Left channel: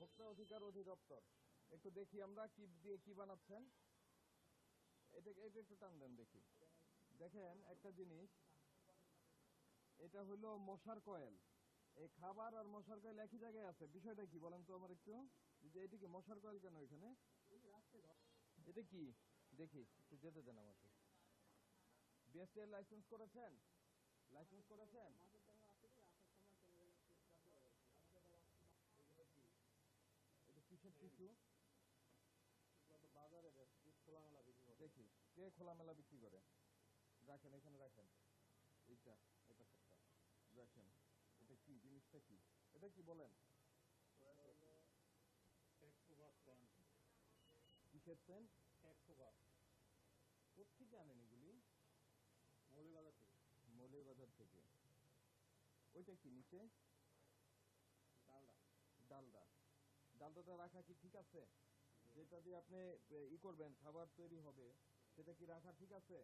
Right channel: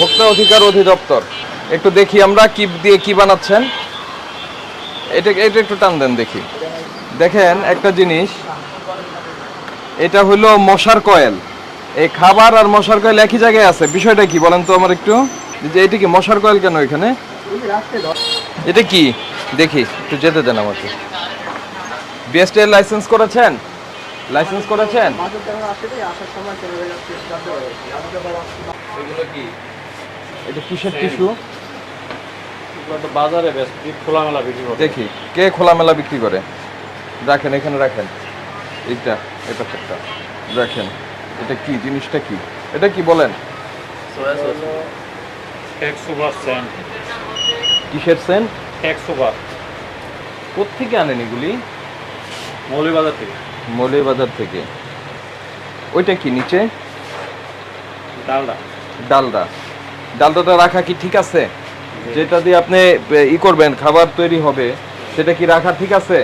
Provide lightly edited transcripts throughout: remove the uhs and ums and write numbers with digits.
ভোক্তা অধিকার অধিদপ্তর। একটু দেখি আমরা কি দিয়ে কি বানাচ্ছেন। এটা এটা একটু টান দেন দেখি। দেখেন একটা জিনিস, এটা হলো মশার কয়েল। এই খাবার আর মশার কয়েল একই জায়গায় আছে, বিষয়টা কি বলেন তো আমার একটু, যে এটা কি মশার কয়েল কেন এখানে, এটা কি দেখি, একটু যেতে দেন আমাকে। বিএসটি এর লাইসেন্স করেছেন? লাইসেন্স করেছেন? এগুলো কি, এটা কিসের টিস্যু? বাজারে খোলামেলা বিক্রি করে। দেখি কে খোলামেলা বিক্রি করে। রাখেন এখানে রাখেন, এইটা এটা একটা রাখেন। এটা কি জিনিসটা, কি এটা কি বলেন? কিসের সেন্ট? কোত্থেকে আনেন এগুলি? মৌলভীবাজার থেকে। মৌলভীবাজার থেকে। ওইটা কি নিচে? ডালডা। ডালডা। ডালডাটা রাখা কি ঠিক আছে? যেটা দিয়ে আপনি ই করবেন, খাবার তৈরি হবে, সেটা কি রাখা ঠিক আছে?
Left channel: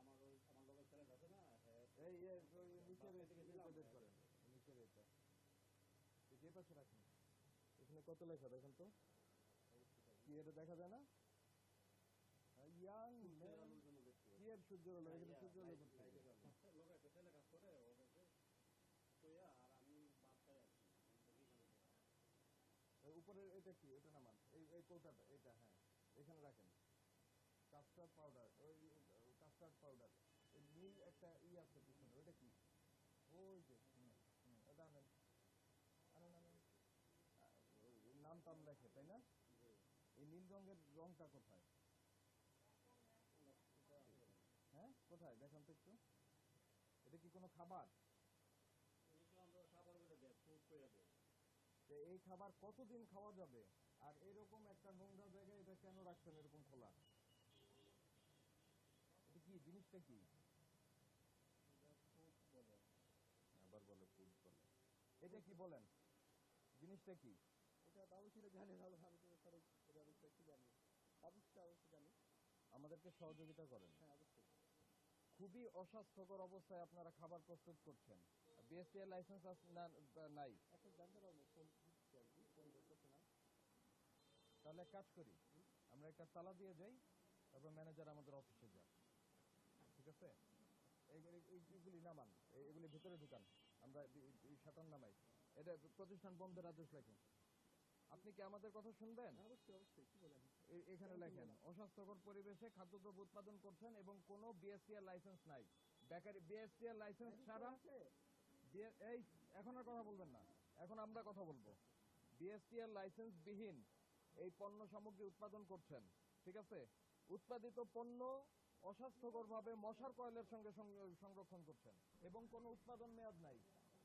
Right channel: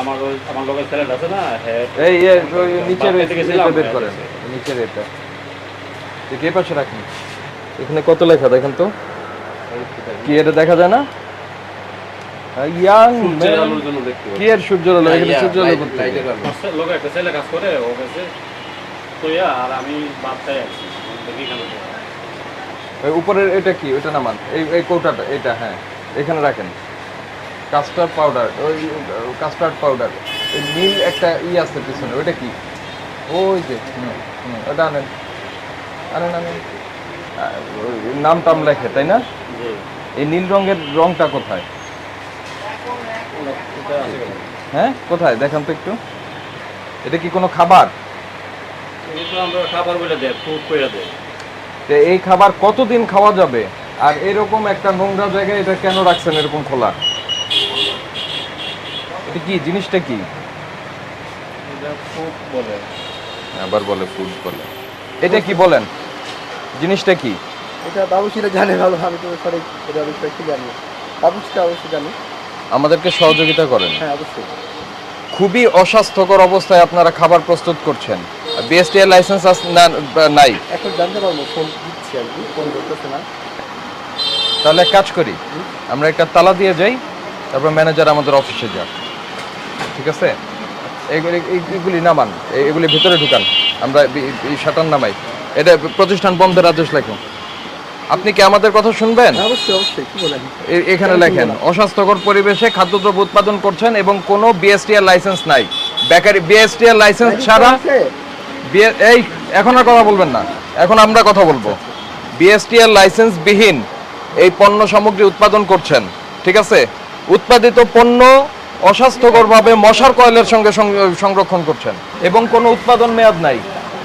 আমার লোকের ছেলে আছে না, এই ওই নিচের এটা বের করেন, নিচের এটা কে পাশে রাখেন। এখানে কত লেখা দেখেন তো, কি এটা দেখা যায় না? ইয়াং কি এর সূর্যের আলো, এখানে সূর্যের আলো করতে লোক একটা ছেলে কাজ করে, ও কাছে তো আর আমি বাচ্চাই আছি দেখি কেন। ওই উপরের এটা কি, ওইটা নামান, এই কৌটাটা এটা, হ্যাঁ এখানে রাখেন। কাস্টার্ড পাউডার, ওই কাস্টার্ড পাউডার, এই নীল একটা আছে পিছনে, ওইটা কি? ওই যে ওটা আনেন আনেন আনেন, নাম টাম লেখে তাই না? এই নীল রঙের রংটা কোথায়? হ্যাঁ কোথায় দেখান তো একটু। এটা কি কোনো খাবার? খাবার বলে দেয়, ফুড করে দেয়। এই খাবার কতদিন খাওয়া যাবে? আর এরকম একটা নোংরা জায়গায় এটা কেন রাখছেন এরকম খোলা? এটা কি জিনিসটা, কি ফুড বলে, আবার বলে ফুড বলে, এটা কি বলেন জিনিসটা কি? এটা বাবুসিরা জানে ভালো, আমি তো সঠিক এটা বিষয় কি জানি, বাবুসিরা অবশ্যই জানে। আমাদেরকে সহযোগিতা করেন। হ্যাঁ অবশ্যই। খুবই অস্বাস্থ্যকর অবস্থায় আপনারা খাবার প্রস্তুত করছেন। বিএসটি এর লাইসেন্স নাই। এখন জানতে পারবো, ফোন দিচ্ছি আর কি, ফোন ধরতেছে না। তাহলে এক কাজ করি, আমরা একটা তালা দিয়ে যাই, তারপর ম্যানেজার আমাদের অফিসে যাক, ঠিক আছে? এইগুলি নামান, এগুলি ভিতরে ঢুকান, আমরা এই শাটার নামাই। এটা প্রতিষ্ঠান বন্ধের আদেশ লেখুন। আপনি কি আমাদের কথা শুনবেন? অবশ্যই অবশ্যই, কি বলেন? এখানে লেখেন, অস্বাস্থ্যকর পরিবেশে খাদ্যদ্রব্য উৎপাদন করছেন এবং কোনো বিএসটিআর লাইসেন্স নাই। বেকারি বিএসটিআর লাইসেন্স ছাড়া এই এখন আর কথা বলবেন না, এখন আমরা কথা বলবো। বিএসটিআর লাইসেন্স বিহীন এই পণ্য সামগ্রী উৎপাদন করছেন, ঠিক আছে? উৎপাদিত পণ্য অস্বাস্থ্যকরভাবে মশার কয়েলের সঙ্গে সংরক্ষণ করছেন এবং কোনো উৎপাদন মেয়াদ নাই।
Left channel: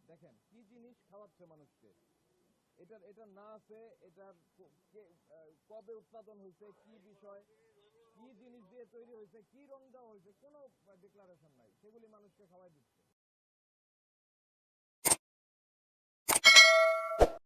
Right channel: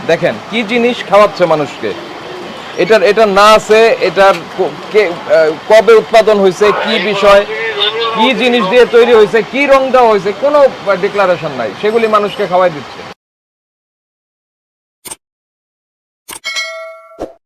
দেখেন কি জিনিস খাওয়াচ্ছে মানুষকে। এটা না আছে, এটার কবে উৎপাদন হয়েছে, কি বিষয়, কি জিনিস দিয়ে তৈরি হয়েছে, কি রং দেওয়া হয়েছে, কোনো ডিক্লারেশন নাই, সেগুলি মানুষকে খাওয়াই দিচ্ছে।